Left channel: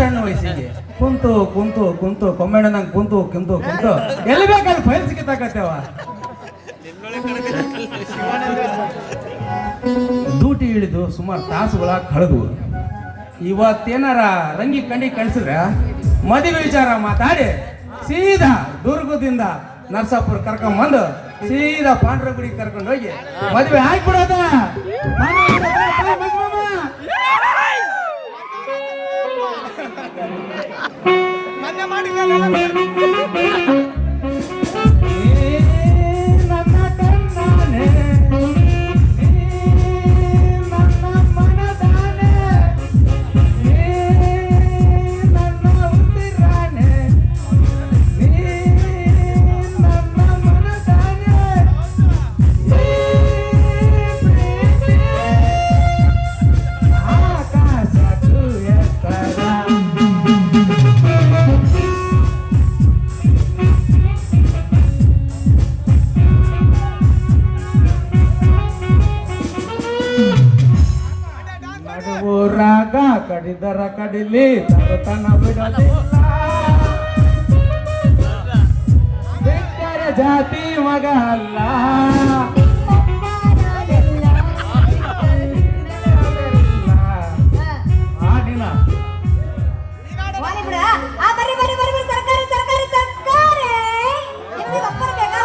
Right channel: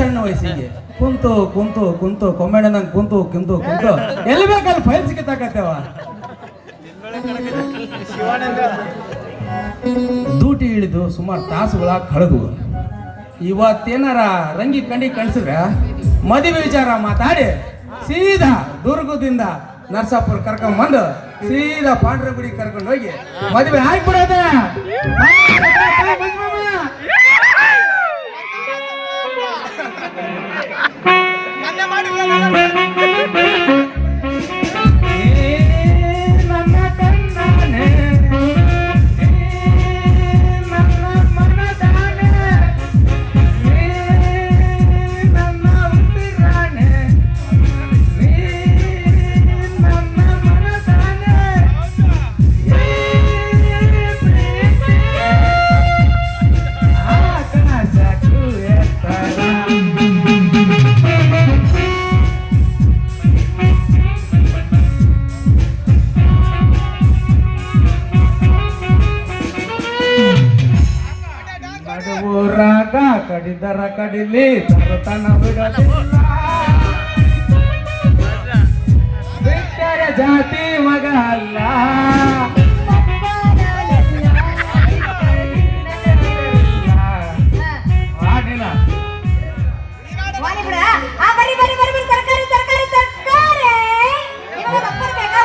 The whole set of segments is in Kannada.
ಸಣ್ಣ ವಯಸ್ಸಿಗೆ. ಕುಂತು ಕುಂತು ಕುಂತು ಕೊಮ್ಮೆಣ್ಣನಂಗ್ ಕುಂತು ಕುಂತು ಕುಂತು. ಎಲ್ಲಿ ಬೇಕಲ್ಲಿ ಫೈಲ್ ಸಿಕ್ಕತ್ತಾಕತ್ತೇವ ಡ್ಯೂಟಿ ಇಳಿದು ಸುಮಾರು ತಾಸುಗಳ ಕಳೆದು. ಇವತ್ತೇನಾರ ರಂಗಿ ಕಂಡಿ ಕಳಿಸಿದ್ರೆ ಮದುವೆ ವಿಚಾರ ಮಾತಾಡಿ ಸೀದಾ ದುರ್ಗದಿಂದ ನರಸಾಪುರ ಕರ್ಕೊಂಡ್ ಬಂದು ಸೀದಾ ಪಾಂಡ್ರಗುಡಿ ಕರ್ಕೊಂಡು ಹೋಗಿ ಮದುವೆ ಆಗ್ಬಿಡೋದ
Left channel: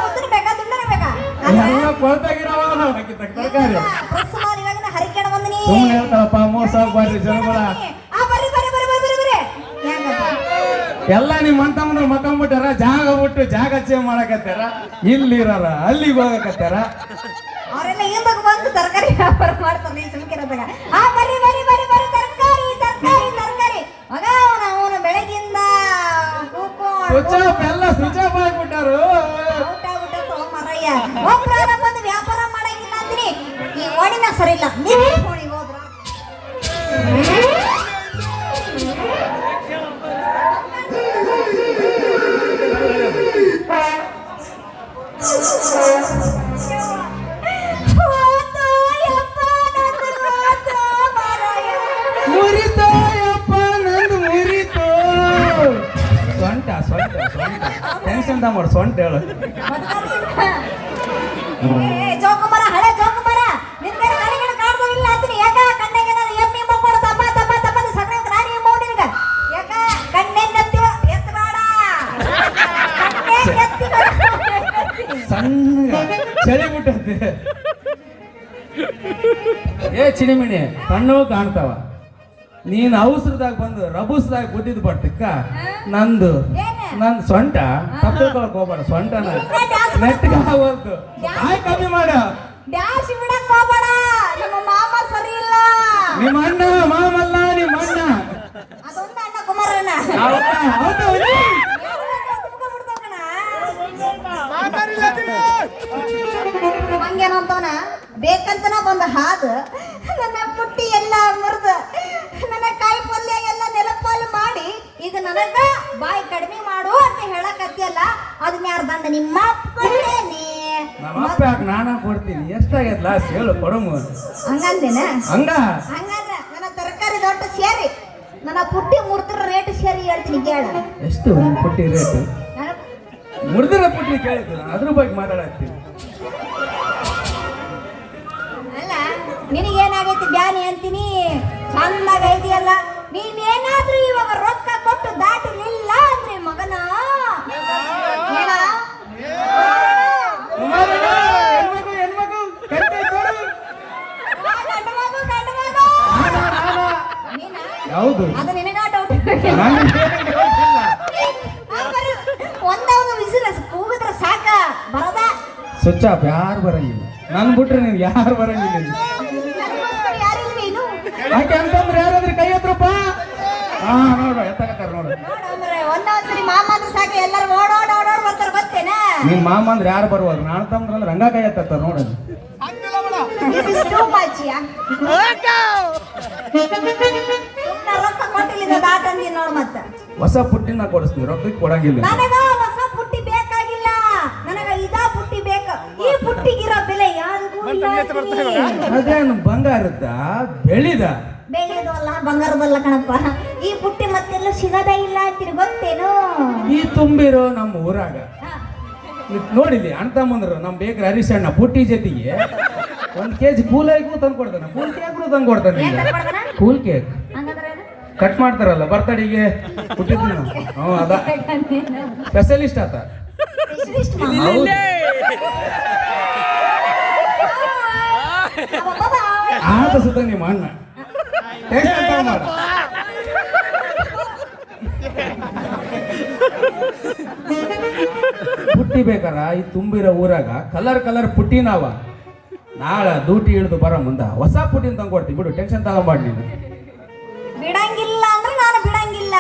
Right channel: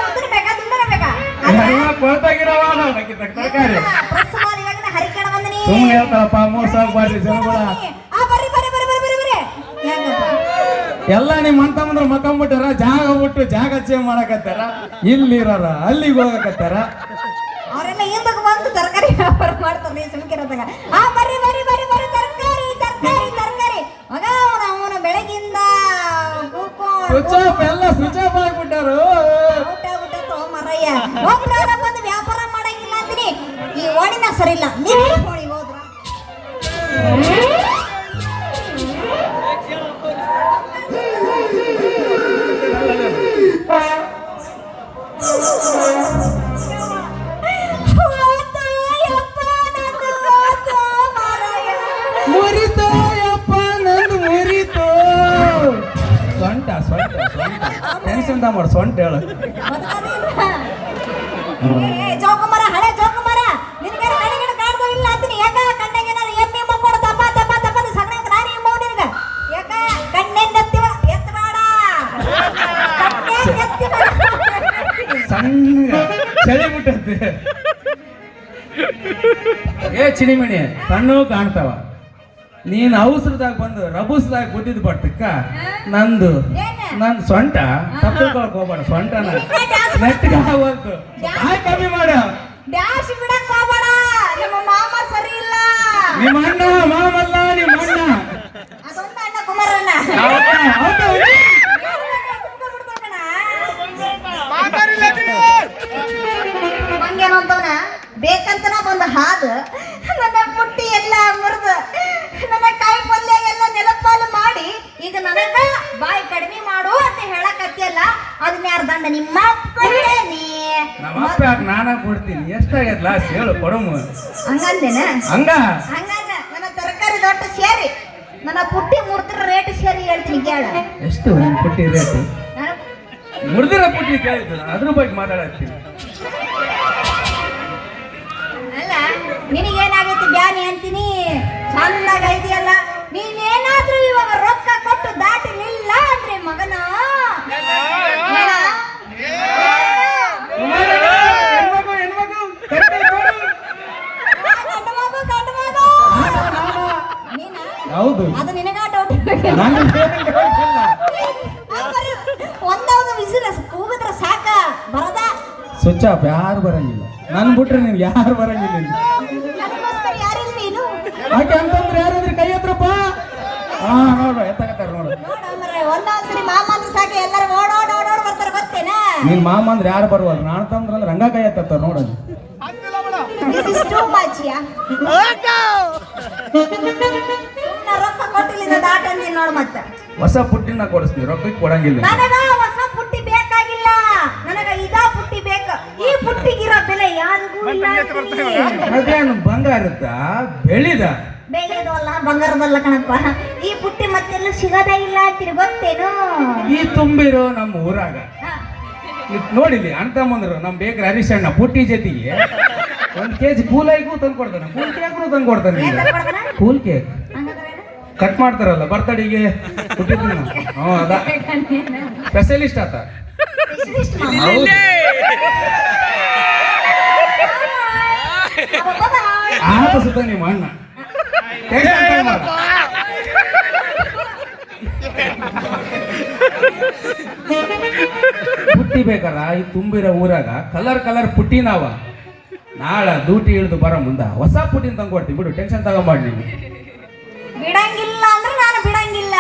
ಉದ್ದನ ಬೇಕಾ, ದುಂಡನ ಬೇಕಾ? ಎಲ್ಲ ಕೊಳ್ತಾಗಿರವ ತರಕಾರಿ. ಸುಮ್ಮನೆ ಹೇಳ್ತಾರಪ್ಪ ಮೋಸ ಆಗ್ಬಾರ್ದು ಜನಗಳ ಆ, ಬರ್ರಿ, ಬರ್ರಿ, ಬರ್ರಿ, ಬರ್ರಿ, ಬರ್ರಿ, ಬರ್ರಿ. ಹೆಂಗಪ್ಪ? ಎಲ್ಲ ನಿಮ್ಮ ಅಂತ ಅಂದ್ರೆ ಮಕ್ಕಂಬಿಟ್ಟಾರ ಜಾಗ ಬಿಟ್ಟು ಜಾಗ ಚೇಂಜ್ ಮಾಡಕತ್ತಾರ ಇಲ್ಲಿರಾರ ಅಲ್ಲಿಗೆ ಹೋಗಕತ್ತಾರ ಅವರೆಲ್ಲ ಹಿಂದಕ್ಕೆ ಬಂದು ತರಕಾರಿ ವ್ಯಾಪಾರ ಮಾಡ್ತಾರೆ ನೀನ್ ಸುಮ್ಕಿರೋದಾಗ. ಆ, ಬರ್ರಿ, ಬರ್ರಿ, ಬರ್ರಿ, ಬರ್ರಿ, ತರಕಾರಿ ತರಕಾರಿ ತರ್ಕಾರಿ. ಮಗ ಅವನ ಅವ್ನು ಬೆಳಗಿಂದ ಸ್ವಿಚ್ ಆಫ್ ಎಲ್ಲ ಸ್ವಿಚ್ ಆಫ್ ಆಗಿಬಿಟ್ಟಾರು ಊಟ ತಗೊಂಬರ್ರಯ್ಯ. ಬಂದು ವ್ಯಾಪಾರ ಮಾಡಂಗಿಲ್ಲ ಅಂತೀನಿ ಈ ಓಣಿನ ಸರಿ ಇಲ್ಲ ನೀವು ಓಣಿಗೆ ಟೆನ್ಷನ್ ಮಾಡು ಸೊಂಟ ಹೇಳು ಜೋಕುಮಾರ ಹಳೆ ಬಿಟ್ಟಂತೆ ಏ ಚಿನಿಮಣಿ ಕಣ್ಣು ಕಾಣ್ತಾವ. ನೀನು ಅವಸರದಾಗ ಬಂದು ರಬುಸ್ದಾಗ ಗುಡ್ಡಿದ್ ಬರ್ತಕ್ಕ ನಂದು ನನ್ ಸೊಂಟ. ತಪ್ಪಿಕೊಳಕ್ ಹೋಗ್ಬೇಡ ಸೊಂಟನ ನೆಟ್ಟಿಗೆ ಹೋಗ್ತು ಕಮ್ಮಿ ಮಾಡ. ನಮ್ಮ ಮಾಮ ಬೇಕಂತನ ಒಂದು ಹಾದು ನನ್ನ ಪುಟ್ಟಿ ಎಲ್ಲ ಮುರಿದು ನನ್ನ ಕಾಯಿ ಪಲ್ಯ ಎಲ್ಲ ನೆಲಪಾಲು ಮಾಡಿ ಈಗ ನನಗ ಬಾಯಿ ಕಡಿಮೆ ಮಾಡು ಅಂತ ಹೇಳಕತ್ತಿಯಲ್ಲ ಅದನ್ನ ಯಾರು ದಂಡ ನಿಮ್ಮ ನಮ್ಮ ಅಪ್ಪ ಯಾಕೆ ನಾನ ಕೊಡ್ತೀನಿ? ಎಷ್ಟಾಗ್ಯದ ಲಾಸ್ ಹೇಳು ಕೊಡಮು. ಹಂಗಂದೇನ? ಹಂಗ? ಹಂಗಂದ್ರ ನನ್ನ ತರಕಾರಿ ದೊಡ್ಡ ಸೇರಿ ನನ್ನ ಪುಟ್ಟಿ ಮುರ್ತಿರ ರೇಟ್ ಸೇರಿ ಹೇಳ್ತೀನಿ ಕೇಳ. ಎಷ್ಟು ಪುಟ್ಟಿ ರೇಟ್? ಮುರಿದಿರೋ ಪುಟ್ಟಿ ಕೇಳಿದ್ದು ನಾನು ಅದ್ರ ಬಗ್ಗೆ ಮಾತಾಡತ್ತೀನಿ. ನಿನಗೇನಾಗೈತಿ ಬ್ಯಾನಿ ಅಂತೀನಿ? ಚಂದಾಗ ಐತಿಯಲ್ಲ ನೀನೇನಾದ್ರೂ ಇವಾಗ ರೊಕ್ಕ ಕೊಟ್ಟು ದಾಟಿ ನಿಲ್ಲ ಅಂದ್ರೆ ಮಗನ? ಹೌದು ಅದು ನಿನಗ ಡೌಟ್ ನನಗೆ ಬೇರೆ doubt? ಇಲ್ಲ. ಒಂದೇ ಒಂದು ವಿಸಿಲ್ ಕೂಗಿದ್ರೆ ಸಾಕ ಬರದ? ಸ್ವಿಚ್ ಆಫ್ ಯಾರು ಬರಂಗಿಲ್ಲ. ನನ್ ಬಿಟ್ರೆ ನೀವು ಯಾರು ಬರಂಗಿಲ್ಲ ಯಾಕೆ ಅಂತಂದ್ರೆ ಯಾರಾದ್ರೂ ಕೈ ಎತ್ತರಪ್ಪ? ಹಾ ನೋಡು ಎತ್ತಾಕತ್ತಾರ ನೋಡ್ರಿ ಒಂದೊಂದ್ಸರಿ ಮಾಮ ಅಂದ್ರೆ ಯಾರು ಬರ್ಬೋದು ನಾನು ತಂದ್ರ ಅಂದ್ರೆ ಹಂಗ ಕೈ ಎತ್ತಾರ ನೋಡು. This is too much, yeah. ಸುಮ್ನೆ ರೊಕ್ಕ ಕೊಟ್ಟಿಲ್ಲ ದಾಟ ಅಂದಿ ಹೊಸ ಪುಟ್ಟಿನ ಕೊಡಿಸ್ತೀನಿ ರೊಕ್ಕಕ್ಕೆ ಕೊಡಂಗಿಲ್ಲ ನನಗ ಹೊಸ ಪುಟ್ಟಿ ಬೇಕಾಗಿಲ್ಲ ನನಗ ಇದಾ ಪುಟ್ಟಿ ಬೇಕ ಈ ಪುಟ್ಟಿಗಿರೋ ಬೆಲೆ ಯಾರಿಗೂ ಬಂಗಾರದ ಬೆಳೆದ ಅದೇನು ಬಂಗಾರತ್ತ ಬೆಳಿದ ಬೆಳೆದು ಅಲ್ಲ ಬಂಗಾರದಲ್ಲ ಕಣಪ್ಪ. ಈ ಪುಟ್ಟಿ ಮತ್ತೆಲ್ಲ ಸಿಗೋದೇ ಇಲ್ಲ ಅಂತೀರಿ ಗೊತ್ತೇನು? ಈ ತುಂಬಿರೋ ನಮ್ಮ ಊರಾಗ. ಹಾ. ಇದ್ ನೋಡಿಲಿ ಅಣ್ಣ ತಮ್ಮಂದ್ರು ನಮ್ಮ ಬೇಕ್ರಿ ಹರೀಶ್ ಅಣ್ಣ ಪುಟ್ಟಿ ಜೊತೆಗೆ ಒಂದ್ ಕೆಜಿ ಕೂಲ್ ಐಗೂ ತಂದು ಕೊಡ್ತಾನೆ ಕೂಲ್ ಕೇಕ್ನು ತಂದು ಕೊಡ್ತಾನೆ ಏನ್? Cool cake. ಹಂಗಂದ್ರೆ ಏನು? ಕಟ್ ಮಾಡ್ತಾರಲ್ಲ ಬರ್ತಡೆಗೆ ಹ್ಞೂ ಅದ. ಸ್ಪೆಷಲಿಸ್ಟ್ ಆತ. ಆತ ಪುಟ್ಟಿ ಬೇಕಾರ ಈ ತುಂಬಿರೋ ಊರಾಗ ಕಲರ್ ಕಲರ್ ಪುಟ್ಟಿ ನಾವ ನಾಳೆ ದೂಟಿ ಹಿಡಿದು ಬರೋ ಮುಂದ ಹೊಸ ಪುಟ್ಟಿನ ತಂದು ಕೊಡ್ತೀನಿ ಬಿಡು ಟೆನ್ಷನ್ ತಗೊಂಬೇಡ ನೀವು ಬಿಡಂಗಿಲ್ಲ ಅಂದ್ರೆ ನಾನು ಬಿಡಂಗಿಲ್ಲ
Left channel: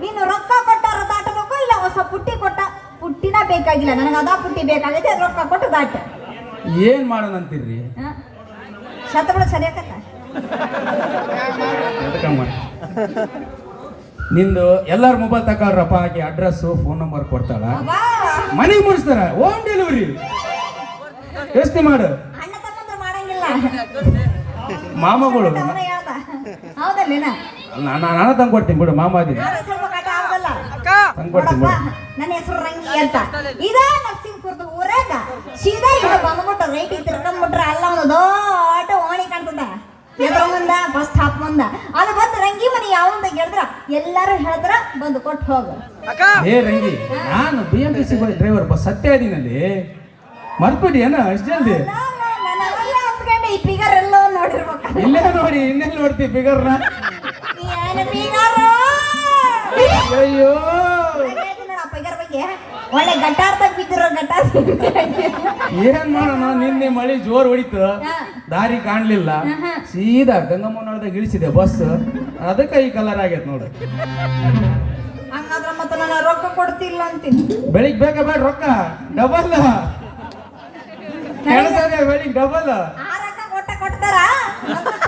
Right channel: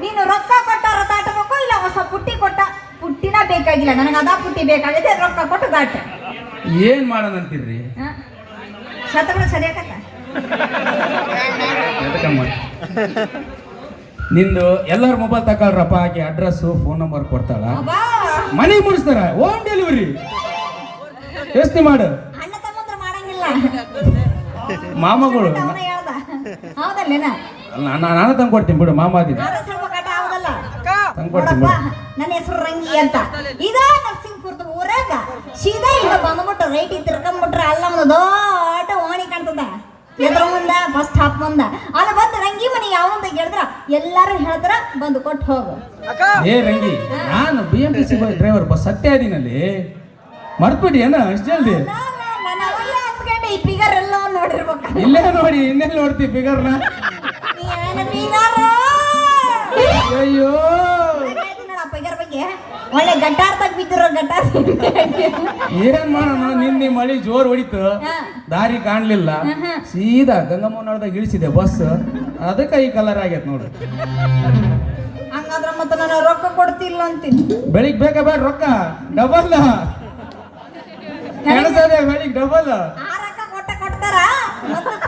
ನೀನು ರೊಕ್ಕ ಕೊಟ್ಟಾರ ದಾಟಬೇಕು ಇಲ್ಲ ಹೊಸ ಪುಟ್ಟಿ ಕೊಟ್ಟ ಪುಟ್ಟಿನ ಬೇಕಾಗಿಲ್ಲ ನನಗೆ ಅದ ಪುಟ್ಟಿ ಬೇಕಾಗಿದೆ ರೊಕ್ಕ ಕೊಟ್ಟು ದಾಟ ಏನ್ ಮಾಡೋಣ ಅಂತಿದ್ರಿ? ನಿಂದು ಎಲ್ಲರ ಮೊಬೈಲ್ ತಗೊಳ್ರಪ್ಪ ಹಾಕಿ ಅಡ್ರೆಸ್ಸು ಫೋನ್ ನಂಬರ್ ಕೊಡ್ತಾಳ. ಮನೆಗೆ ಮುಡಿಸ್ತಾರ ಹೋಮ್ ಡೆಲಿವರಿ ಯೋಚನೆ ಮಾಡು. ಅಣ್ಣ ತಮ್ಮಂದ್ರು ಮಾಡಂಗಿಲ್ಲ. ಮಾಮಗಳು. ಅವನೇ ಹೇಳ್ದ. ಹೌದಲ್ಲೇನ? ನಾನು ನಾನು ತಂದು ಕೊಡ್ತೀನಿ ಬಿಡು ಕಟ ಹೌದಲ್ಲ ತಂದು ಕೊಡ್ತೀನಿ ನೋಡಪ್ಪ ಬಿಡು ನನ್ನ ಹೆಸರು ರಂಗಿ ಅಂತ. ಇದ ನರಸಿಂಹಪುರದ ಊರಾಗ ಸೀದಾ ಇಲ್ಲ ಬಂದ್ಬಿಟ್ಟು ರೈಟ್ ತಿರ್ಕೊಂಡ್ಬಿಟ್ರೆ ಅಲ್ಲ ಒಂದು ದೊಡ್ಡ ಓಣಿ ಕಾಣ್ತದ. ಎದ್ರ ಮುಂದ ಬಸ್ ಸ್ಟಾಪ್ ಮುಂದ. ಅಲ್ಲಿ ಬಂದು ರಂಗಿ ಮನೆ ಯಾವಂತ ಕೇಳಿದ್ರ ಎಲ್ಲಾರು ಹೇಳಿದ್ರ ಬಂದು ಕೊಟ್ಟು ಹೋಗು. ಏ ರಂಗಿ ನಾನು B M T C driver bus Satya ಇದೀನಲ್ಲಿ ಮರ್ತ್ಬಿಡಿ ಏನ ಅಷ್ಟು ಜಲ್ದಿ? ಈ ಫಿಗರ್ ಎಲ್ಲ ನೋಡಿರ್ಬೇಕು. ಇಲ್ಲೇ ನೋಡಿ ಇನ್ನೆಲ್ಲಿ ನೋಡ್ತಿ ಫಿಗರ್ನ ಅಯ್ಯೋ ಬಗ್ಗೆ ಒಳ್ಳೆ ಗಟ್ಟಾರ್ದಾಗ ಬಿದ್ದಿರೋ ಗಟ್ಟಾರ್ ಏನ್ ಮಾಡೋಣ? ನಿನ್ನೆ ಮಳಿ ಜೋರ್ ಹೊಡಿತು ದಾರಿ ಕಾಣ್ಲಿಲ್ಲ. ಸೀದಾ ಗಂಗಮ್ಮನೊಳದಾಗ ಇಳಿಸಿದೆ ಬಸ್. ಅದಕ್ಕೆ ಈ ಕಲರ್ ಆಗೈತೆ ನೋಡು. ಹಂಗಾದ್ರೆ ಮತ್ತೆ ನಾನು ರೊಕ್ಕ ಕೊಡ್ತಿಲ್ಲ ಅಂತೀನಿ. ಬೆಳಿಗ್ಗೆ ಬೇಕಾ ಬೇಡ ರೊಕ್ಕ. ಡಬಲ್. ಕೆಳಸದ ಬೆಳಿಗ್ಗೆ ಡಬಲ್. ಕೊಡ್ತಾರ?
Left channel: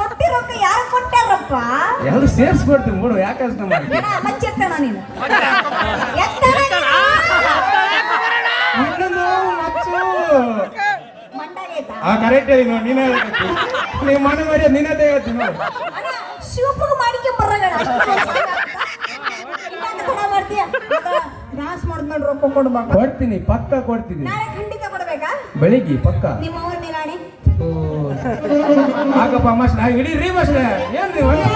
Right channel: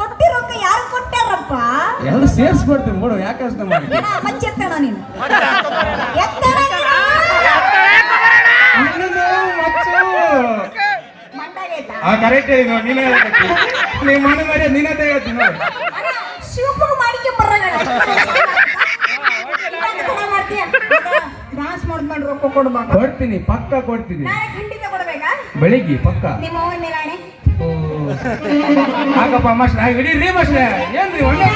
ಕೊಟ್ಟಿ ರೊಕ್ಕ ಯಾರು ಕೊಟ್ಟಾರಪ್ಪ? ಎಲ್ಲ ಸೇರ್ಸ್ಕೊಡ್ತೀನಿ ನೋಡು ಯಾಕೆ ನೀನು. ಆ ಕರೆಕ್ಟ್ ಇದು ನೀನೇ ಹೇಳಕತ್ತಿ ನಿಮ್ಮ ಮನೆ ಮರ್ಯಾದೆ ನೀನೇ ಶಿವಪುಗ ಮಾಡಿಕೆ ಬರಲ್ಲ ಮಾಡ್ತೀಯ? ಡಾನ್ಸ್ ಮಾಡ್ಕೊಂಡು ರೊಕ್ಕ ಕೊಡ್ಬೇಕು. ಕೊಡ್ತೀನಿ ಪಕ್ಕ ಕೊಡ್ತೀನಿ. ನಾಳೆ ಖಂಡಿತ ಕೊಡ್ಬೇಕಾ ಬೆಳಿಗ್ಗೆ ಪಕ್ಕ. ನಿಮ್ಮ ಅವನ್ನೇ ನಾಳೆ ಓ. ಆಗಪ್ಪ ರೀ ನಾ ಹಿಡೀರಿ ಮಸ್ತ್ ಏನ್ರಿ ಒಳ್ಳೆ